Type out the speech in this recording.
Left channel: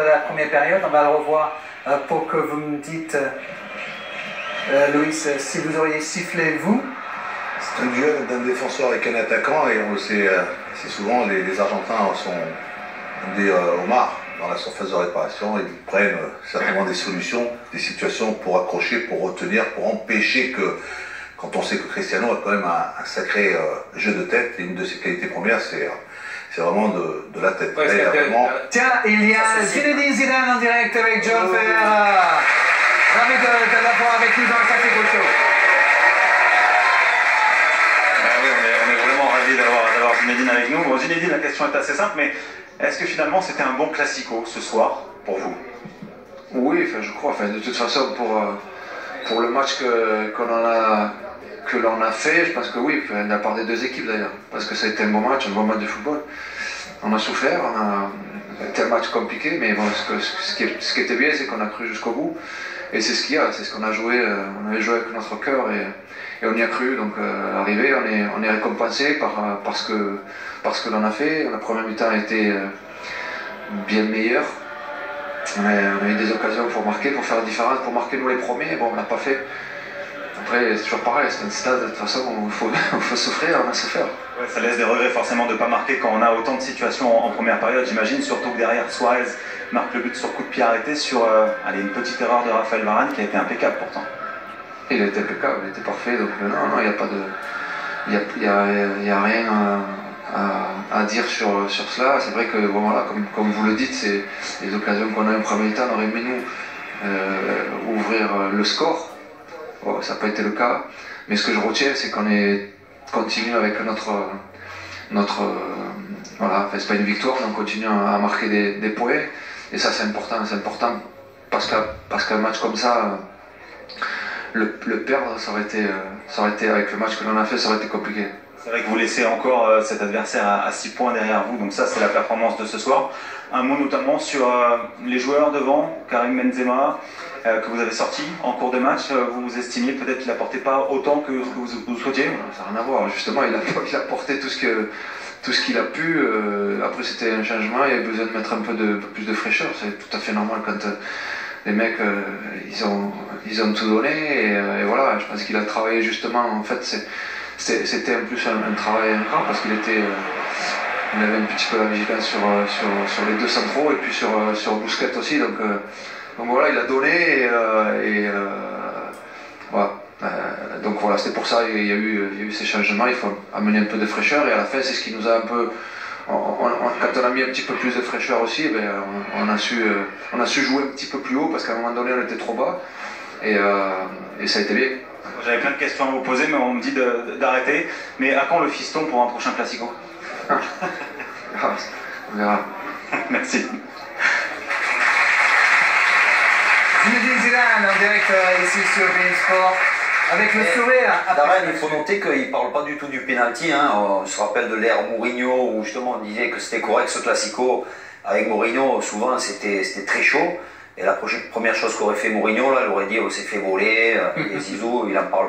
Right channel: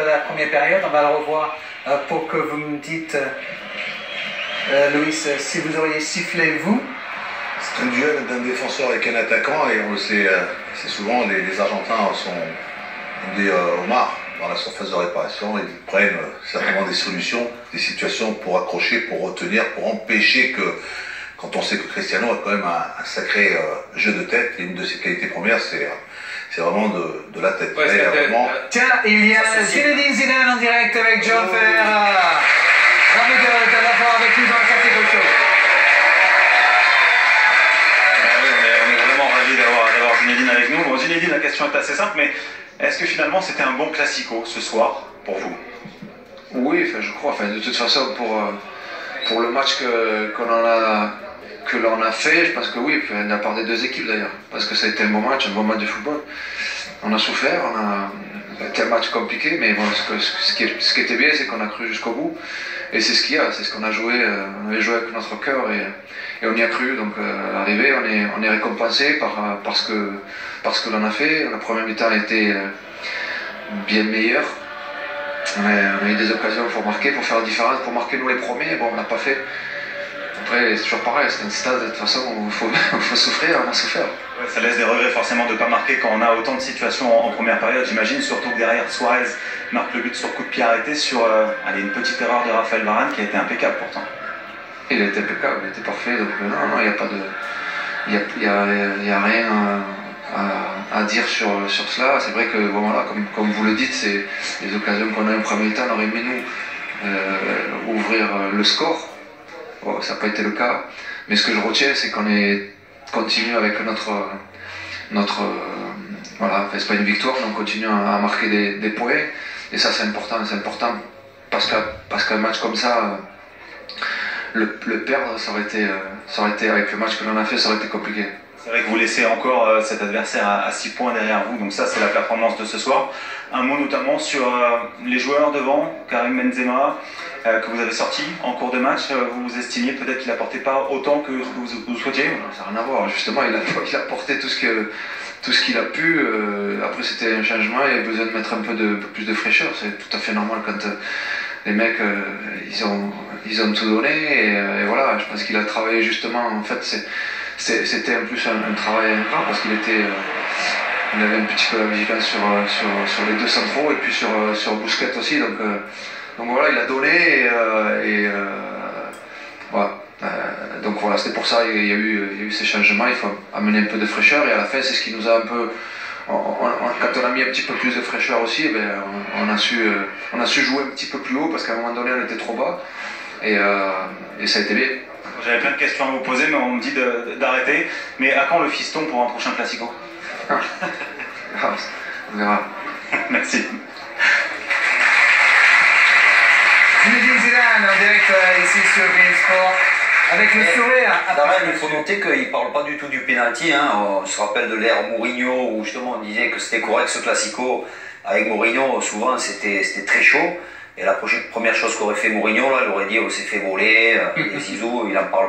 La première période, on va le revoir pour que vous me dites, Luis, si vous auriez sifflé vous. C'est un duel d'un défenseur avec un attaquant et on le sait, c'est souvent les Argentins sont des homards dans la surface de réparation. Ils prennent certainement des solutions, des situations pour accrocher, pour retenir, pour empêcher que, quand on sait que Cristiano a quand même un sacré jeu de tête, et une de ses qualités premières, c'est vraiment de la tête. Ouais, vraiment... Tiens, il y a Zinedine Zidane en direct avec John Ferrer. Ravi de l'avoir avec nous dans le Café Gaucho. Oui, on est vraiment ravis d'avoir Zinedine avec nous. Bon, Zinedine, la question est assez simple, mais est-ce que finalement c'était un bon classico ce soir pour vous? Oui, je crois. De toute façon, pour le match que l'on a fait, je pense que oui, de la part des deux équipes d'ailleurs, parce que ça a été un bon match de football. On a souffert, c'était un match compliqué, mais bon, ce qui était bien, c'est qu'on a cru jusqu'au bout, et c'est ce qu'il y a, c'est ce qu'on a joué, on avait joué avec notre cœur, et on y a cru, donc arrivé, on est récompensé par ce que l'on a fait. La première mi-temps a été bien meilleure, on a eu des occasions pour marquer, pour faire la différence, pour marquer nous les premiers, bon, on l'a pas fait. Après, c'est toujours pareil, c'est un stade de toute façon où il faut souffrir, on a souffert. Ouais, ça laisse des regrets forcément de ne pas marquer quand on a autant de situations en première période, j'imagine, surtout que derrière Suarez marque le but sur coup de pied arrêté sur une petite erreur de Raphaël Varane qui a été impeccable pourtant. Il a été impeccable, il était parfait, donc non, il n'y a pas de... Il y a rien à dire sur cela. C'est vrai que, bon, voilà, comme vous le dites, c'est les occasions qu'on a en premier temps, on aurait aimé nous ouvrir le score. Bon, ça n'a pas été le cas, mais ce que je retiens, c'est qu'on est continue avec notre voilà, c'est pas une victoire, mais on continue à marquer des points, et ça c'est important parce qu'un match comme ça, le perdre, ça aurait été avec le match que l'on a fait, ça aurait été compliqué. C'est vrai que vous laissez encore cet adversaire à 6 points derrière vous, donc ça c'est la performance de ce soir. Un mot notamment sur les joueurs devant, Karim Benzema, que vous avez sorti en cours de match. Vous estimiez peut-être qu'il n'apportait pas autant que vous souhaitiez? Ça n'a rien à voir, justement, il a apporté tout ce qu'il a pu. Après c'était un changement, il y avait besoin de mettre un peu plus de fraîcheur, c'est tout à fait normal quand les mecs ils ont tout donné, et voilà, je pense qu'il a travaillé justement, en fait c'était en plus un travail incroyable parce qu'il avait un petit peu la vigilance sur les deux centraux et puis sur Busquets aussi, donc voilà, il a donné, voilà. Donc voilà, c'était pour ça il y a eu ces changements, il faut amener un peu de fraîcheur, et à la fin c'est ce qui nous a un peu... quand on a mis un petit peu plus de fraîcheur aussi, on a su jouer un petit peu plus haut, parce qu'à un moment donné on était trop bas, et ça a été bien. J'avais plein de questions à vous poser, mais on me dit d'arrêter. Mais à quand le fiston pour un prochain classico? On verra. Merci. Zinedine Zidane en direct ici sur Bein Sport, avec le sourire. Darren, il faut noter qu'il ne parle pas du tout du penalty. Hein. On se rappelle de l'ère Mourinho où justement on disait que c'était correct ce classico. Avec Mourinho, souvent c'était très chaud. Et la première chose qu'aurait fait Mourinho, là, il aurait dit on s'est fait voler, les Zizou, il en parle.